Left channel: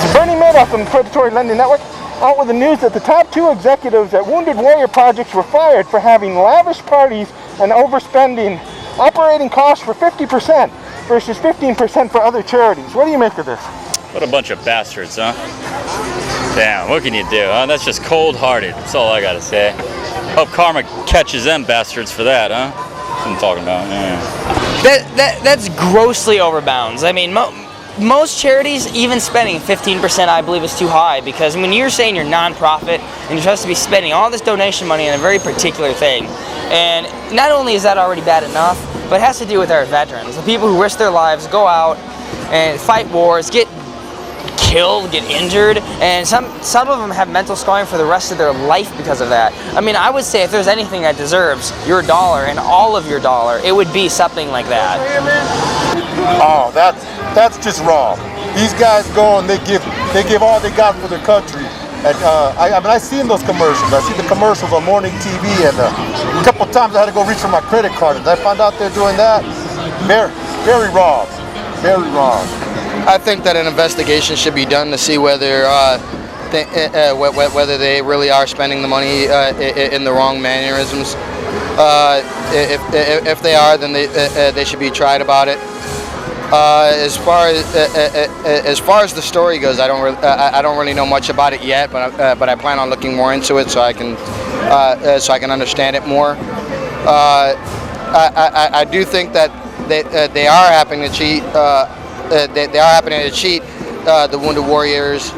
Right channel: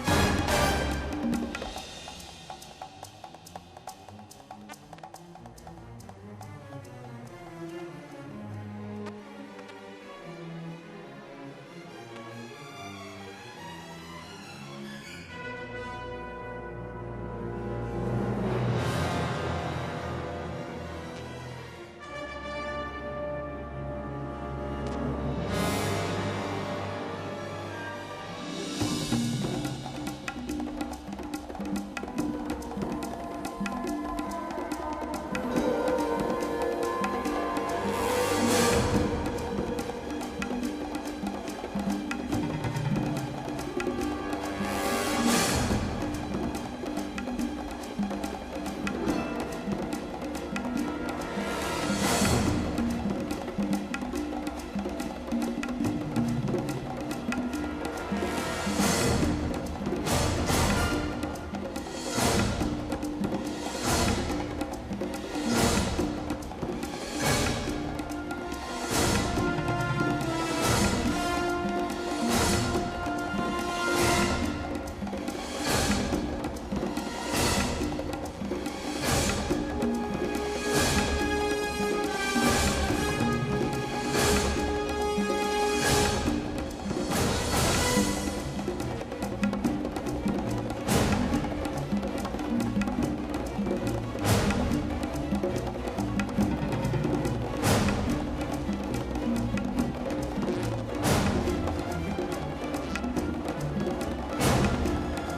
This is Bernie Madoff from the Predatory Lending Network, out with the news that the top 2 executives at Wounded Warrior Projects were fired for having lavish parties and overspending operating costs for 50% versus 15% for other charities. What do you make of this? What a bunch of bastards, huh? Damn, what can you do, huh? That's just cold-hearted. That's all I gotta say. Hope karma catches them bastards for that, huh? That's what I'm talking about. Yeah. That's grossly overbounds. I mean, most charities, even spending 15%, I believe is too high, because when you're saying you're nonprofit and you're supposed to be spending all this donation money on a very particular thing, and not only is that already bad enough, but it has to do with our veterans, the people who risk their lives, go out and fight wars, get killed, get injured, and some of them have mental scarring for the rest of their life because of that. I mean, I would say if there's anything that deserves your dollar and all of your dollar, it would be something like that. Oh, that's just wrong. These guys go and they give all they got for their country. And I've seen those commercials. I see the commercials on morning TV, and a couple of times I had to go reach for my credit card, and I found out they're doing that. Very wrong. Very wrong. I think that an investigation should be done to see whether whether they really are spending the money in the wrong mannerisms. If they are, then they should be tried about it. As far as the story goes, I don't really know much about it yet, but I plan on looking more into it so I can understand it more. I do think that they are happening to cheat. They are happening to cheat the Wounded Warriors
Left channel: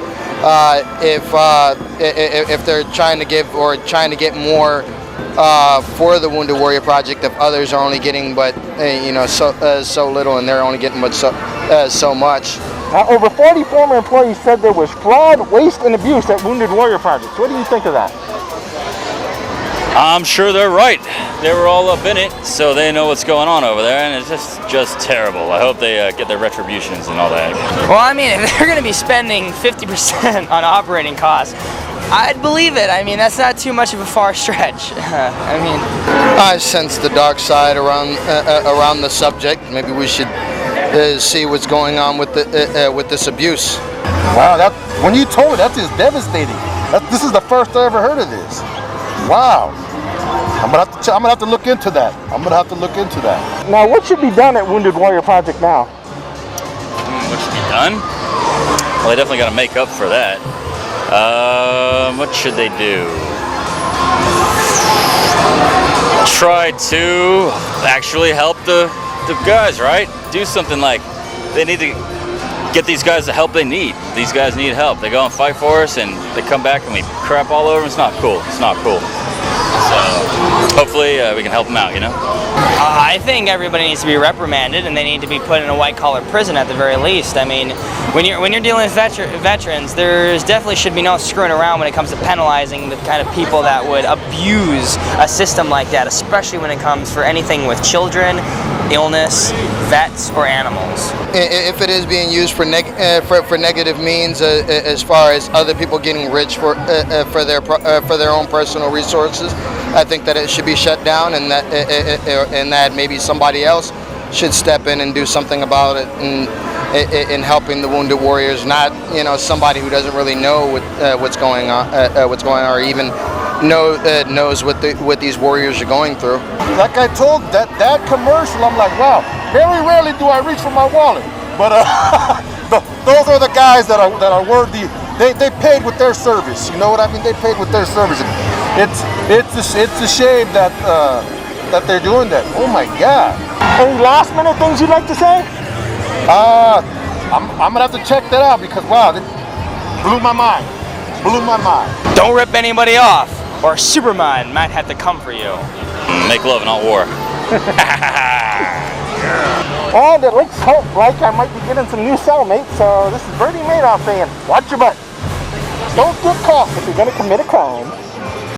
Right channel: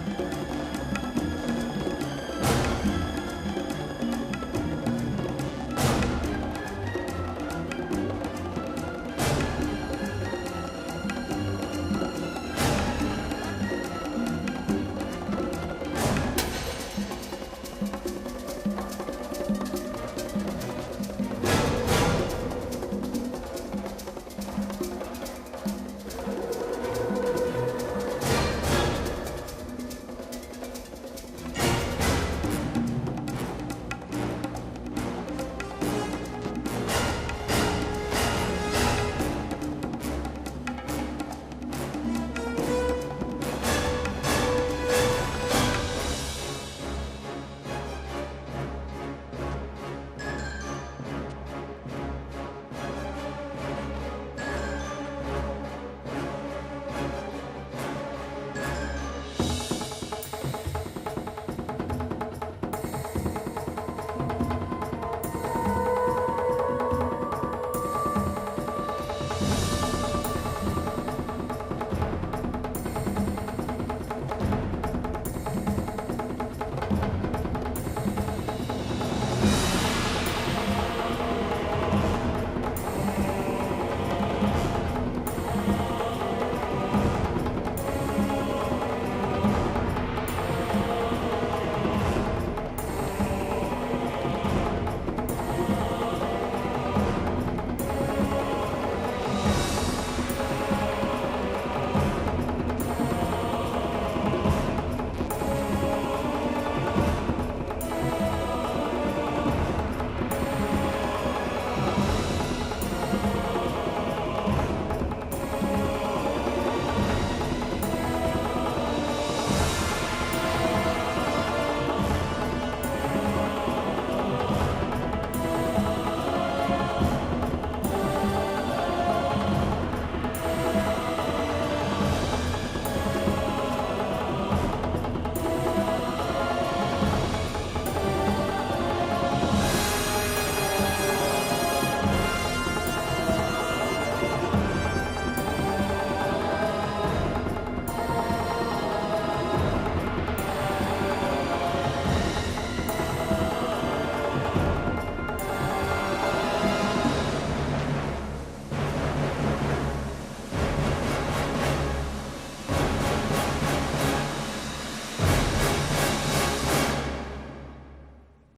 if they're trying to give or trying to get more for the Wounded Warrior Project, if others are only getting but so little, and they're only getting but so much. Over 40 former employees said there was fraud, waste, and abuse at Wounded Warrior Projects. What do you think of that? I'm sure they're right. They were all up in it, so they know what's going on over there, and it's just terrible. I hope they get their retributions and all that. Well, I mean, if they're going to be spending 50% on operating costs, I'd believe it. I mean, that's not too much of a far stretch. I sense the dark side around the subject. Maybe we should see what's going on with this abuse. Wow, when you told me, that's just devastating. This is the first I ever heard of this. Wow. I'm gonna have to look into that. Now, what should be done at Wounded Warrior Project now? What should be done? Well, they definitely got to make up for that. What should they do? Try to actually help the guys, right? Do something like, they need to get these guys the help they need. These guys need help. They go and fight for us, and they come back and we crap all over them. It's not cool. It's not cool. So hopefully we can help them out, you know? I think everybody needs to be reprimanded, and they need to be put in a white-collar prison at the very least. I mean, when you're dealing with veterans, there's definitely should be no screwing around when it comes to penalizing the kind of people that would abuse a system like that, especially when it comes for anything with children, illness, vets, or animals. If it is being used for negative means, as far as other people getting rich for their own personal resources, I think that it should be shut down, and that maybe somebody else should step in and do something about it, in helping the Wounded Warriors, not somebody who doesn't really know what's going on, or even knows what these warriors are going through. Like I told that commercial, I'm like, wow. Very rarely do I reach for my wallet, but those are the guys that are worthy. They paid with their service. You know what I mean? They paid with their service. It's a shame that they're doing that. Oh my God! Any last minute things you'd like to say? I'm gonna have to check that out, because wow, it blew my mind. Don't rip anybody off, or Superman might have to come for you. Make love, not war. And it looks like I might be getting some new cellmates, so this is Bernie Madoff saying, watch your butt. Don't get caught if you're going to commit a crime.